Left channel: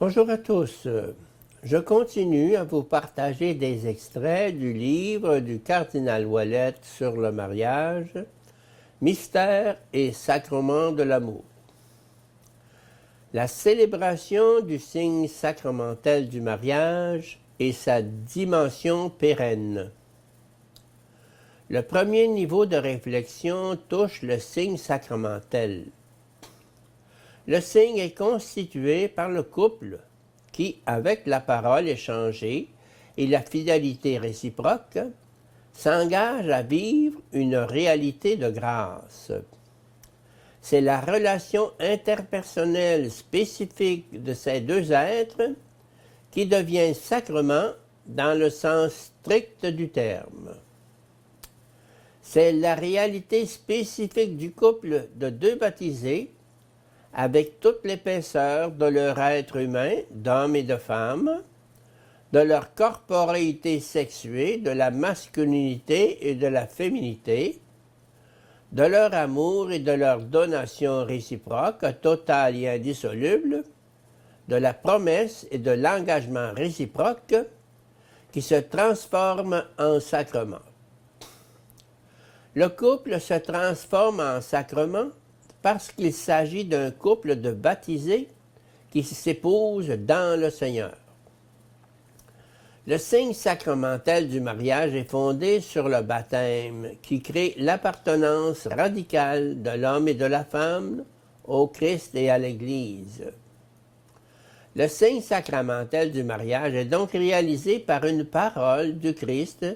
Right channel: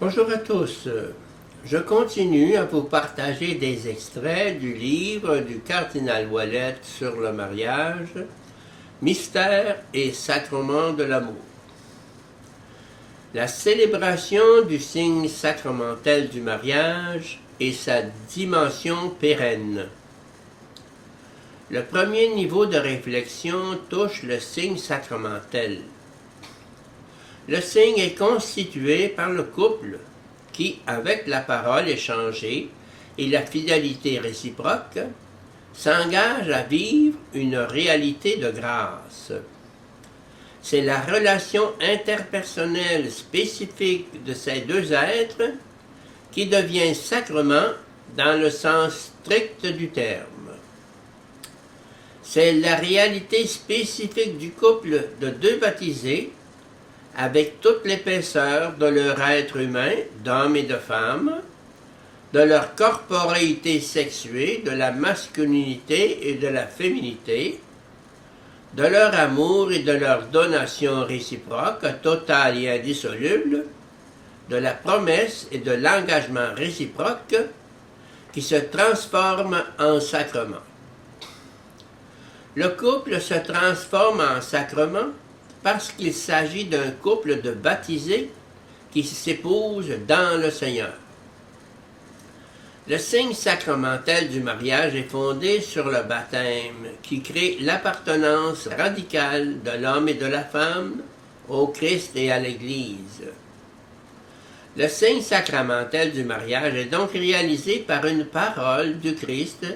Bonjour à tous. Je continue à vous partager des extraits du livre du cardinal Ouellet sur le mariage, Mystère et sacrement de l'amour. La célébration du signe sacramentel du mariage et sa dimension pérenne. Le premier niveau de réflexion touche le signe sacramentel. Le signe est constitué par le couple qui, avec la parole échangée et la fidélité réciproque, s'engage à vivre une réalité de grâce. C'est la relation interpersonnelle spécifique de ces deux êtres qui devient sacrement dans le sens strict du terme. C'est la réalité spécifique du couple de deux baptisés avec toute l'épaisseur de leur être humain, d'homme et de femme, de leur corporéité sexuée, de la masculinité et de la féminité, de leur amour et de leur donation réciproque, totale et indissoluble, de la promesse et de l'engagement réciproque qui se transforme en sacrement. Le couple se transforme en sacrement parce qu'il s'agit d'un couple de baptisés qui s'épousent dans le Seigneur. Le signe sacramentel du mariage est fondé sur le baptême qui crée l'appartenance radicale de l'homme et de la femme au Christ et à l'Église. Le signe sacramentel du mariage est donc réalisé par une parole du Christ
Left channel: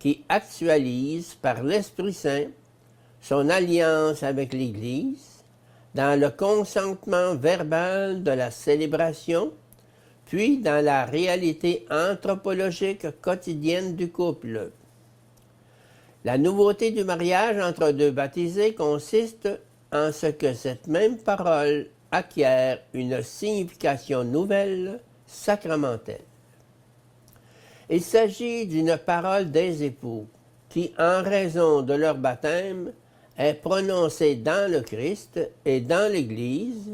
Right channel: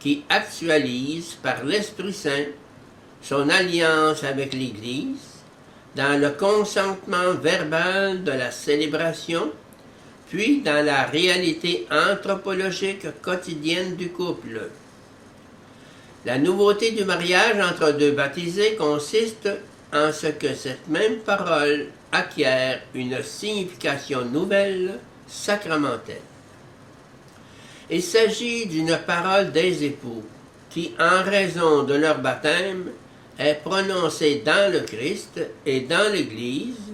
qui actualise par l'Esprit Saint son alliance avec l'Église dans le consentement verbal de la célébration, puis dans la réalité anthropologique quotidienne du couple. La nouveauté du mariage entre deux baptisés consiste en ce que cette même parole acquiert une signification nouvelle, sacramentelle. Il s'agit d'une parole des époux qui, en raison de leur baptême, est prononcée dans le Christ et dans l'Église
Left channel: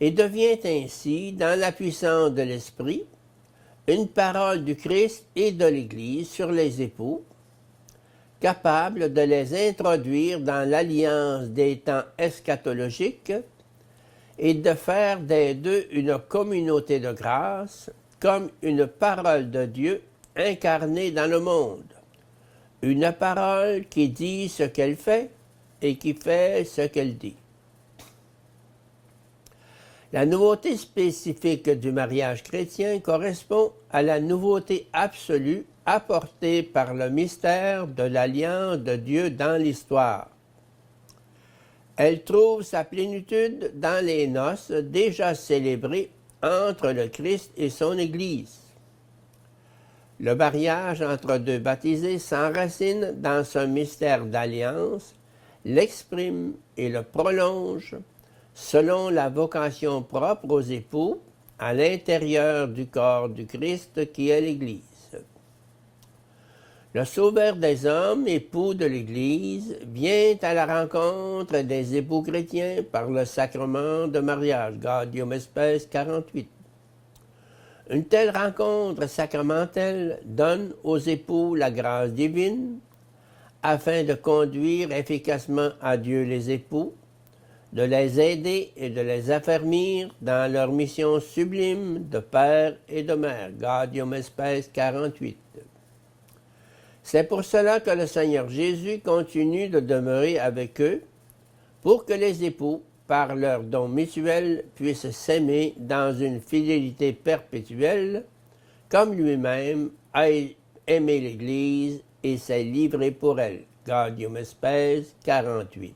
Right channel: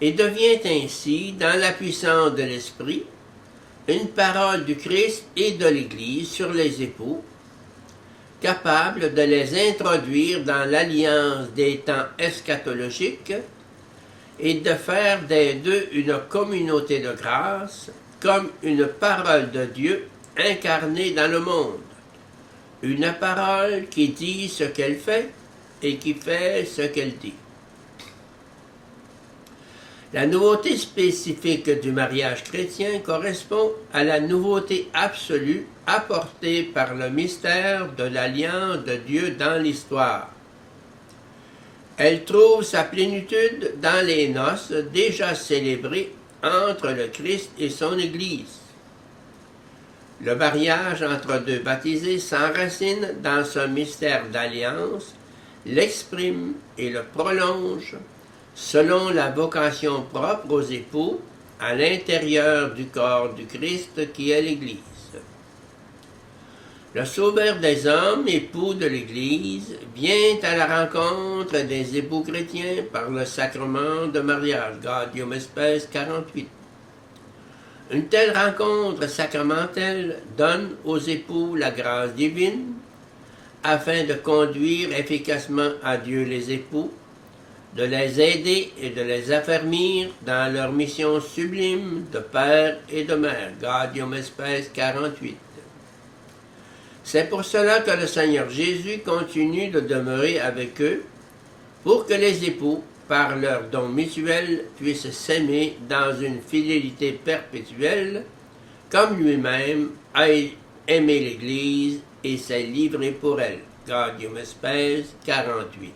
et devient ainsi, dans la puissance de l'Esprit, une parole du Christ et de l'Église sur les époux, capable de les introduire dans l'alliance des temps eschatologiques et de faire des deux une communauté de grâce comme une parole de Dieu incarnée dans le monde. Une parole qui dit ce qu'elle fait et qui fait ce qu'elle dit. La nouveauté spécifique du mariage chrétien correspond à la nouveauté absolue apportée par le mystère de l'alliance de Dieu dans l'histoire. Elle trouve sa plénitude dans les noces déjà célébrées entre le Christ et son Église. Le mariage entre deux baptisés s'enracine dans ce mystère d'alliance, l'exprime et le prolonge selon la vocation propre aux époux à l'intérieur du corps du Christ qui est l'Église. Le Sauveur des hommes, époux de l'Église, vient à la rencontre des époux chrétiens par le sacrement de mariage, Gaudium et Spes 48. Une telle rencontre sacramentelle donne aux époux la grâce divine afin de conduire efficacement à Dieu les époux, de les aider et de les affermir dans leur mission sublime de père et de mère, Gaudium et Spes 48. C'est pour cela que le Seigneur Jésus continue de demeurer avec eux, pour que les époux, par leur don mutuel, puissent s'aimer dans une fidélité perpétuelle, comme lui-même a aimé l'Église et s'est livré pour elle. Gaudium et Spes 48.